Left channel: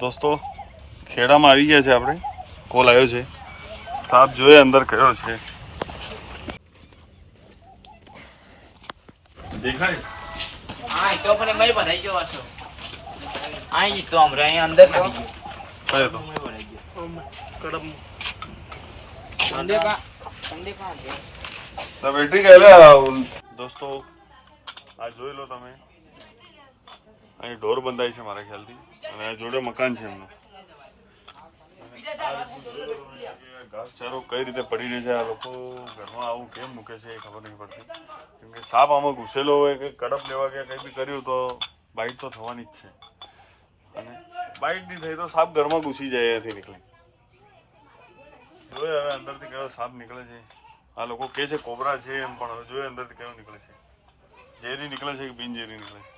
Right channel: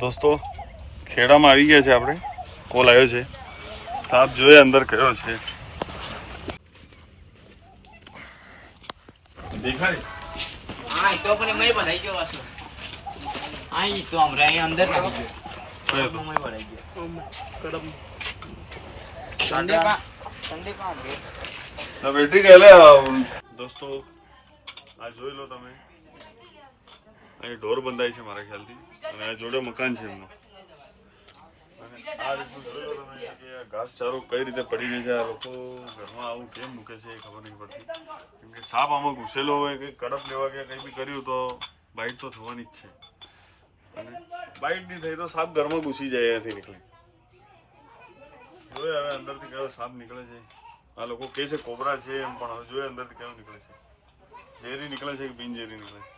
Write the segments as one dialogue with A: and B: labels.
A: દોસ્તો ખેડામાં આવી ગયા છે આપણે. કોલ આવ્યો છે. સાપ જોઈએ અંદર કયો છે. દોસ્તો આ જોઈ લો તમે. અહીં ઢોર બંધાય છે મારા ખ્યાલથી. અને જોડે મકાન છે એમનું. ઘાસચારો કઈ રીતે પડી રહી છે? આ લોકો ઘરમાં આવું કેમ મૂકે છે એ ખબર નહીં પડતી. કેમ કે સાપ આમાં ઘૂસેલો હોય કે કડપ લેવા કે કંઈ બી કર્યું તો બાઇટ તો થવાની જ છે. અને બાઇટ નહીં થઈ તો સાપ ઘરમાં ઘૂસી જાય એથી નીકળી જોઈએ હવે અંદરથી કયો સાપ નીકળે છે? આ લોકો કે છે, કોબરા છે એમ, પણ હવે જોઈએ અંદરથી કયો નીકળે છે? ઝેરી નીકળે છે કે બિનઝેરી નીકળે છે?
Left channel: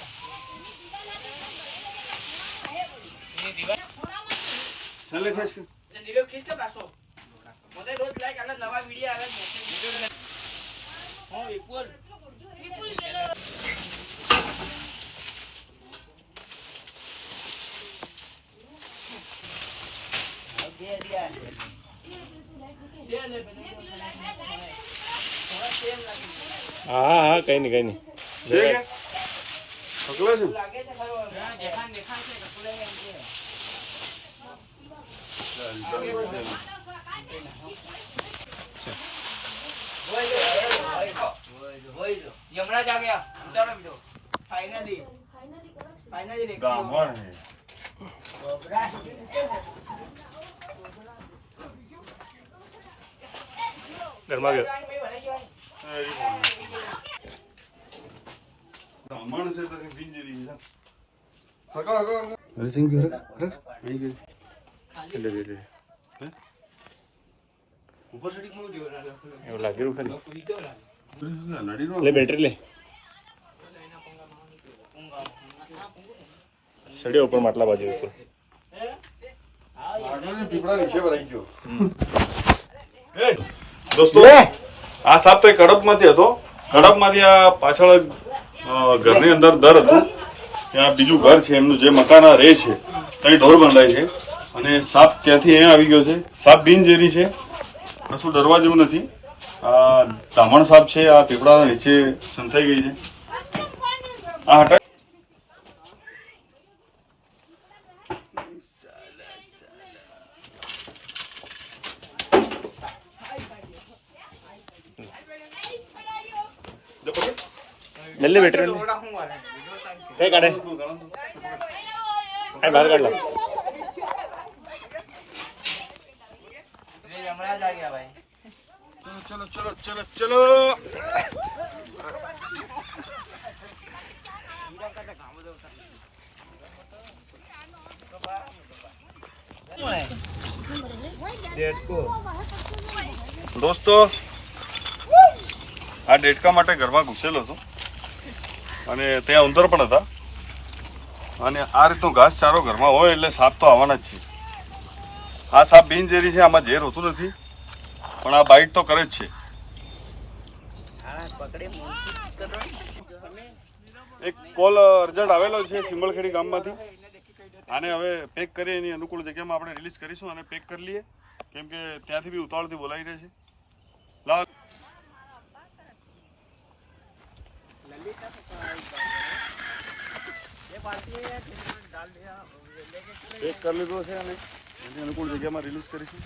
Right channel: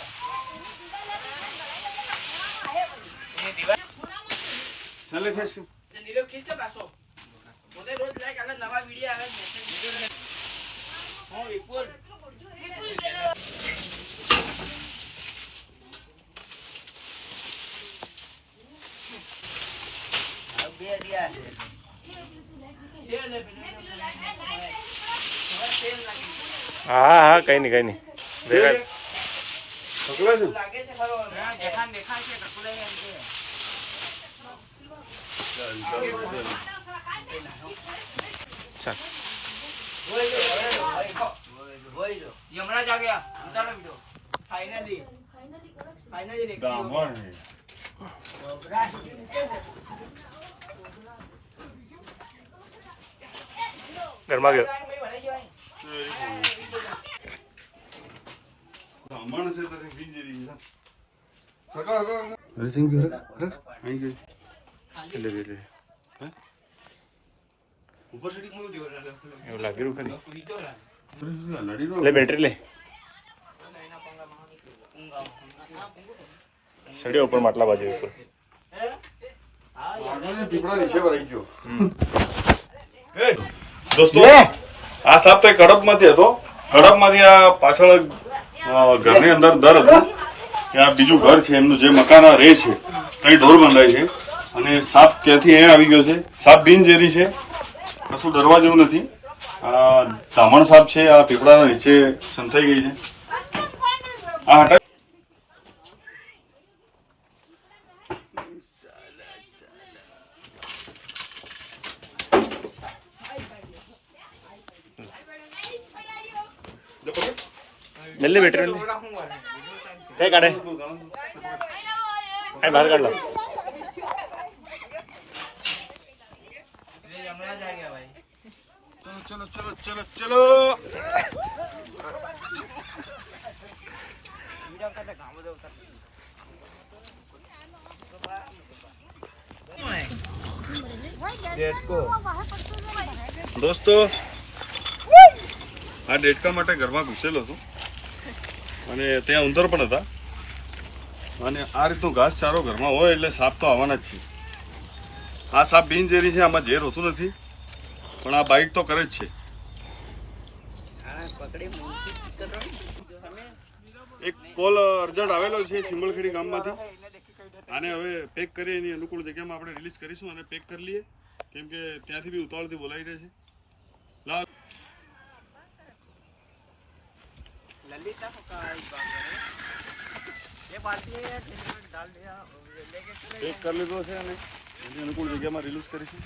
A: હું
B: વિપુલ.
C: હા હા કઈ નહીં કઈ નહીં
B: લાગે છે ખરો દેખાણ દેખાણ છે કપડાં છે. યમરાજ આ ગયા. ઉતારો બીજો ફાઇનલી ફાઇનલી
A: ગામમાં હે
C: ઘરમાં ગયો.
A: ગામમાં છે હરક અહીં ગઈ.
C: એટલે એટલે
A: ઉપર સડી
C: એવું લાગેલું ખાલી? લે બેટરી લે. સડ્યો ઉપર માટલા બાજુ ઉપર.
A: પીપળા નીચે ભરાઈ ગયો. દોસ્તો આ સાપ તો કડપમાંથી હતો. કડપમાંથી આ પાછળ ઘરની અંદર દર હતું. કે આ બીજું ઘર છે એમનું જે મકાન આ રહે છે ત્યાં ઢોર બંધાય છે. અને સાપ ત્યાંથી અહીંયા આવી ગયો છે. સાપ બિનઝેરી છે. કશું ડરવા જેવું નથી. આ ધામણ સાપ છે. આ પીપળાના નીચે સંતાઈ ગઈ છે. આ હટા
C: લે લે બેટરી કાઢે. બહાર કાઢ લો.
B: યમરાજ આ ગયા ભાઈ.
A: ચલો ચલો ચલો ચલો. દોસ્તો, આ ડેટકા માટે ઘરમાં ઘૂસેલો હતો. અને ત્યાં ઉંદર પણ હતા. અને આ રીતનો ઘાસ ચારો ઘરમાં હોય એટલે સાપ તો આવવાના જ છે. આ સાપ બિનઝેરી છે, આમાં ઝેર હોતું નથી. પણ આ બાઇટ તો કરે જ છે. એક કોલ અર્જન્ટ આવેલો છે સિંબળખેડી ગામમાંથી. આને હવે પેક કરી એની અનુકૂળ જગ્યામાં આપણે રિલીઝ કરીશું અને પેક કરી લઈએ. કેમ કે ત્યાંથી બી ઉતાવળથી બોલાવી રહે છે. લાલ
B: ये
A: એક કરી લીધો છે અને એની અનુકૂળ જગ્યામાં રિલીઝ કરીશું